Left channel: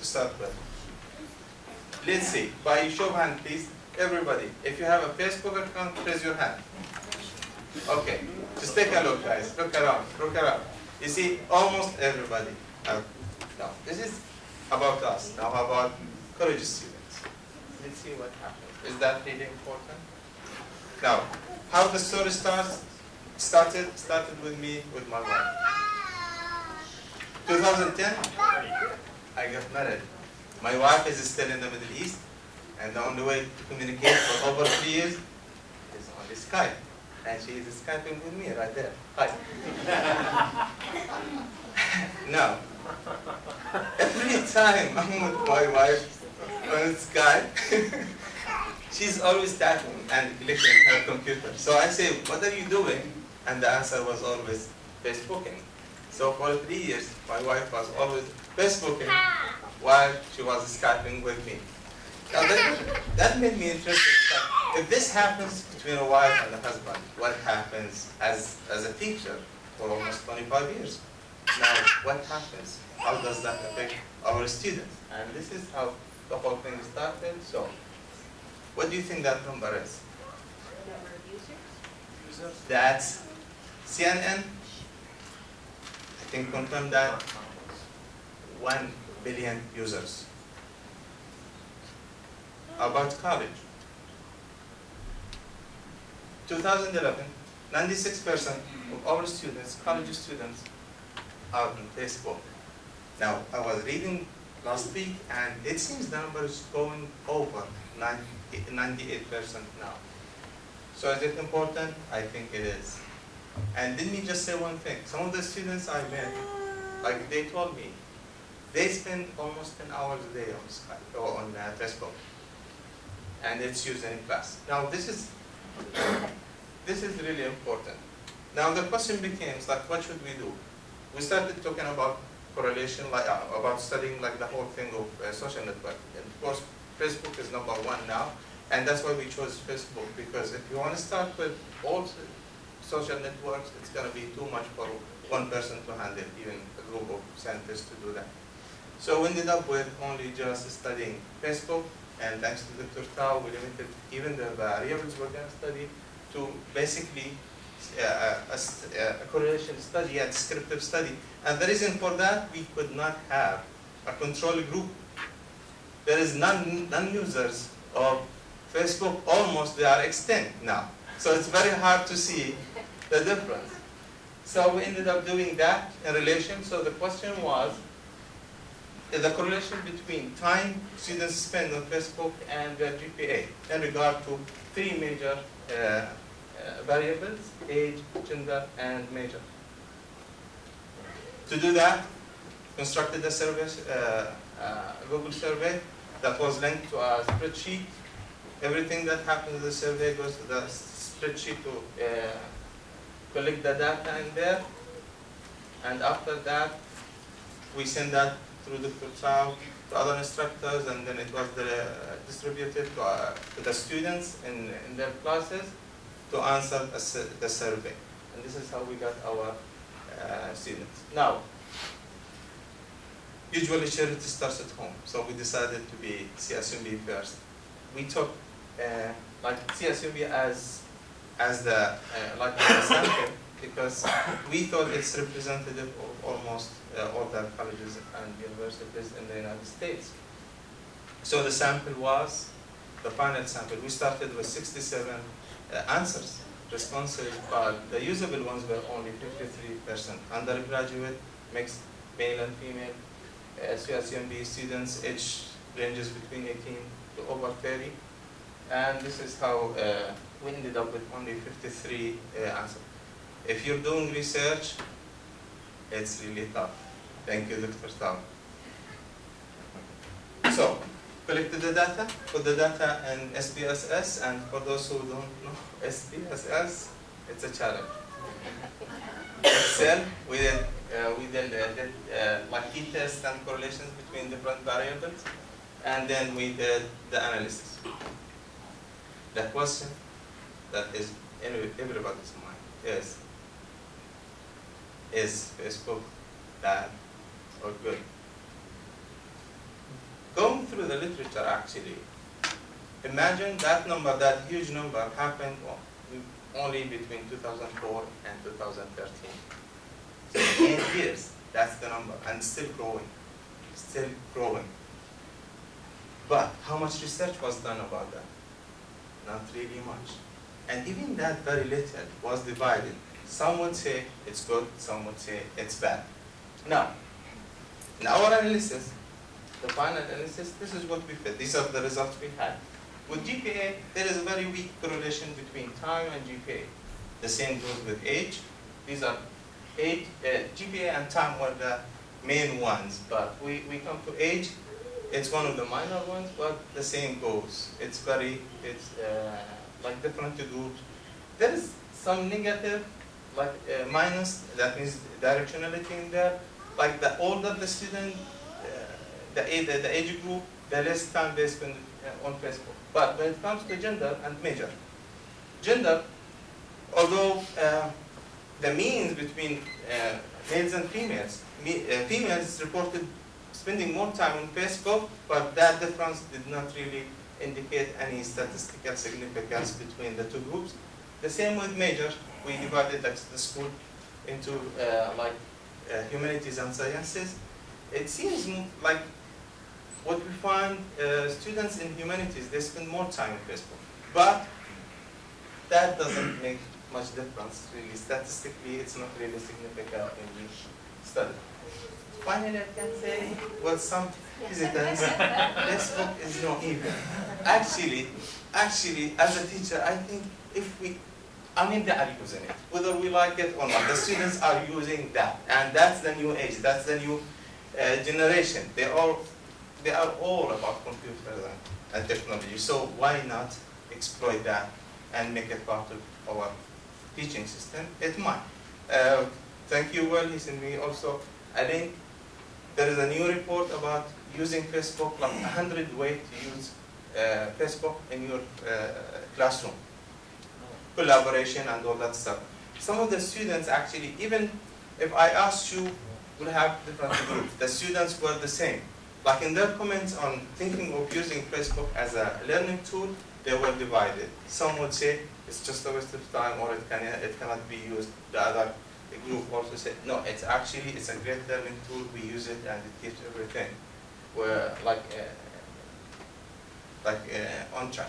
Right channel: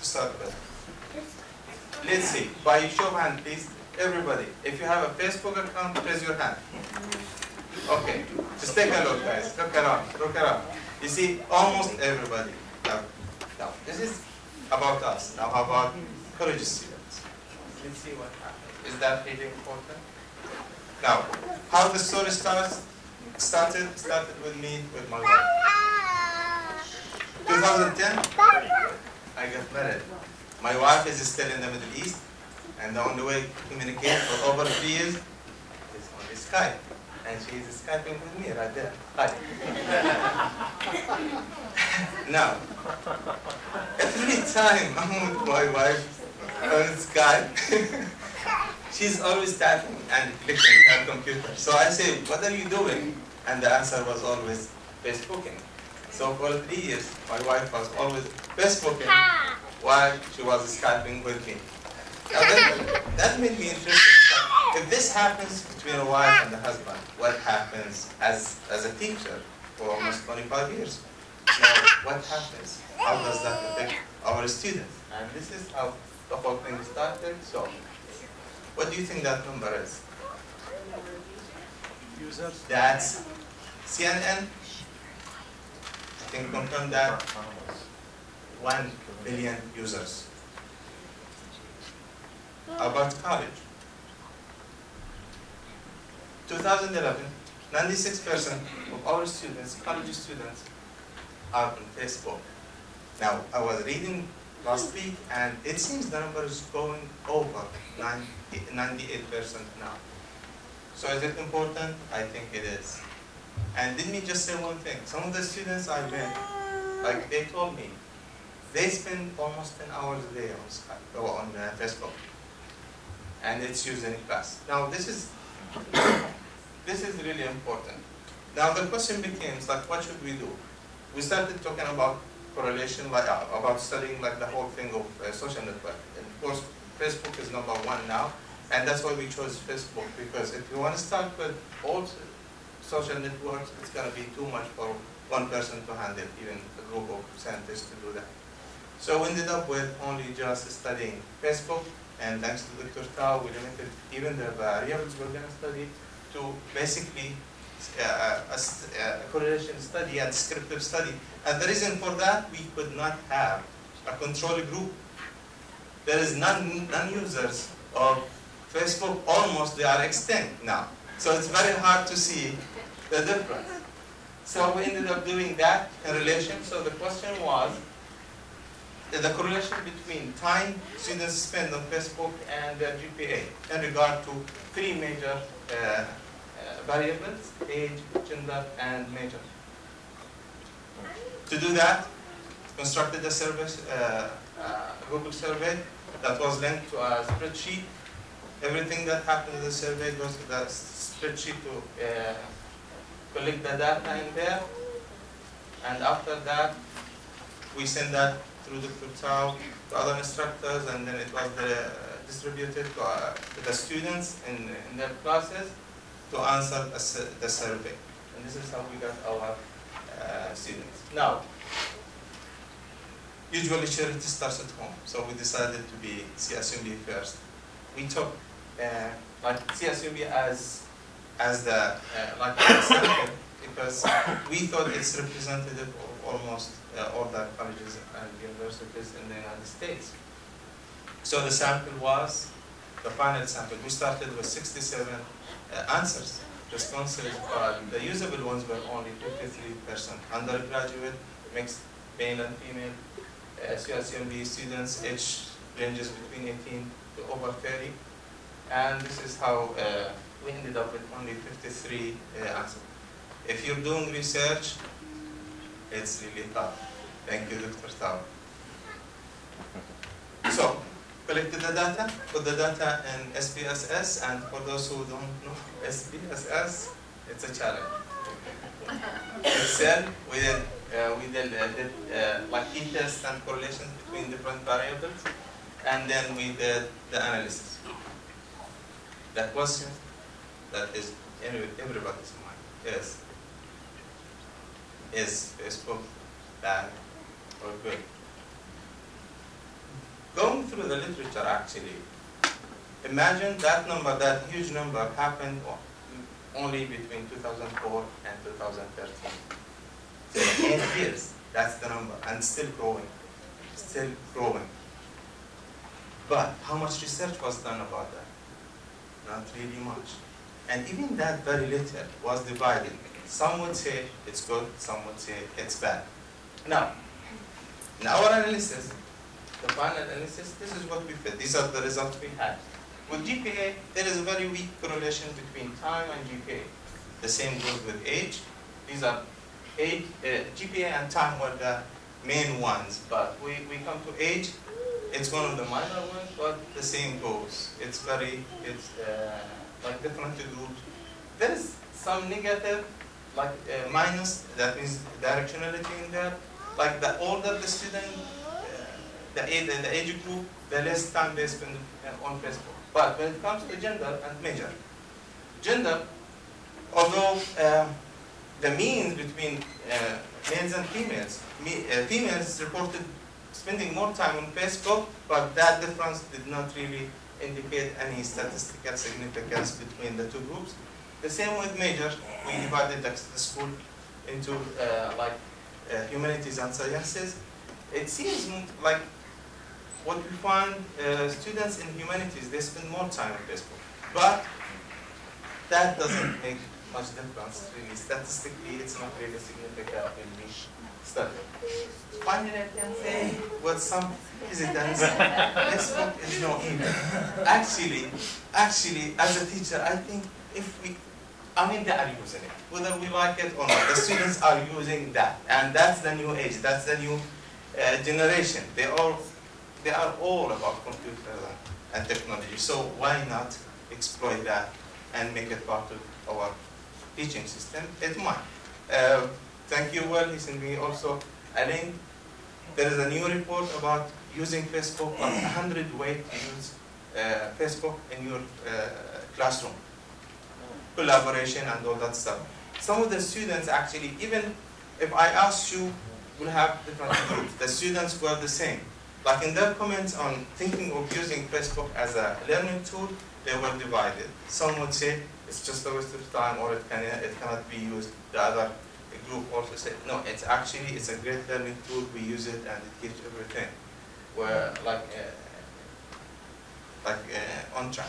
to start with? Let's see, by show of hand, please, everybody. If you have a Facebook account, raise your hand. Okay, just take a look, guys. Look around, look around. You see, almost everybody. Now, this is about us. Now, how about college students? Let's see what happens. Is that really important? Now, how the story started with me, with my wife. 2010, I got married. My wife is still in the Middle East, and the only way to communicate for over 3 years is on the Skype. And she is Skyping with me right there. Hi. Now, every time I'm with my wife on Skype, she's always tapping and clicking her computer. So I say, what are you doing? And the answer was always Facebooking. So for 3 years, my wife was always Facebooking while she was Skyping with me. Now that made me interested. If this happens between a wife and a husband, what happens as a teacher for almost 25 years? Now, what happens? How does that affect our students? And this is how the whole thing started. So, what do you think that number is? Users. That's CNN. Can confirm that 1 billion users. About college. 2011, 96% of our students, college students, are on Facebook. Now, I was reading last week, and it seems the number is going over 98% now. So is it important? I think it is. And let me just say one thing. Some of the students I met, like they told me, they spend almost 10 hours a day on Skype or on Facebook. And it's used in class. Now this is really important. Now the question becomes like, what should we do? We started talking about correlation, like about studying like the whole thing of social network. And of course, Facebook is number one now, and that's why we chose Facebook, because if you want to start with all social networks, it's going to be too much for one person to handle, even a group of scientists to do that. So we ended up with only just studying Facebook. And thanks to Dr. Tao, we limited even the variables we're going to study to basically a correlation study and descriptive study. And the reason for that, we could not have a control group. There is non-users of Facebook, almost they are extinct now. So it's very hard to see the difference. So we ended up doing that in relation. So the question was, the correlation between time students spend on Facebook and their GPA in regard to three major variables: age, gender, and major. To do that, constructed a service, a Google survey that was linked to a spreadsheet. Everything that happened in the survey goes to the spreadsheet to collect the data in there. And after that, we send that through Dr. Tao to other instructors, and then it was distributed to the students in their classes to answer the survey. And this is how we got our students. Now, usually charity starts at home, so we decided to be CSUMB first. We took like CSUMB as the like the center, because we thought it's representative of almost all the colleges and universities in the United States. So the sample was, the final sample, we started with 67 answers, responses, but the usable ones were only 53%. Undergraduate, mixed male and female, CSUMB students, age ranges between 18 to over 30. And this is how we ended up with only 53 answers. If you're doing research, it's really tough. Thank you, Dr. Tao. So, collected the data, put the data in SPSS, and for those who don't know SPSS, it's a challenge. Excel, we did like t-tests and correlations between different variables, and then we did the analysis. The question that is in everybody's mind is Facebook bad or good? going through the literature actually, imagine that number, that huge number happened only between 2004 and 2013. So 8 years, that's the number, and still growing, still growing. But how much research was done about that? Not really much. And even that very little was divided. Some would say it's good, some would say it's bad. Now, in our analysis, the final analysis, this is what we fit. These are the results we had. With GPA, there is a very weak correlation between time and GPA. The same goes with age. These are age, GPA and time are the main ones, but we come to age, it's one of the minor ones, but the same goes. It's like different groups. There is some negative, like minus, that means directionality in there. Like the older the student, the age group, the less time they spend on Facebook. But when it comes to gender and major, gender, although the means between males and females, females reported spending more time on Facebook, but that difference did not really indicate any statistical significance between the two groups. The same with major, we divided the school into humanities and sciences. It seems like what we find, students in humanities, they spend more time on Facebook. But that doesn't make much difference, really. Statistically, it's not really significant in the study. Finally, I can say with some hesitance, Facebook is no evil. Actually, as a teacher, I think they are using it. Whether we like it or not, the students are using that. And that's the new age, that's the new generation. They are all about computers and technology. So why not exploit that and make it part of our teaching system? It might. Thank you, Will. He sent me also a link. There is a new report about using Facebook, like 100 ways to use Facebook in your classroom. Collaboration and all that stuff. Some of the students actually, even if I asked you, will have different groups. The students were the same. Like in their comments on thinking of using Facebook as a learning tool, they were divided. Some would say it's just a waste of time, or it cannot be used. The other group also said, no, it's a great learning tool. We use it and it gives everything. We're on track.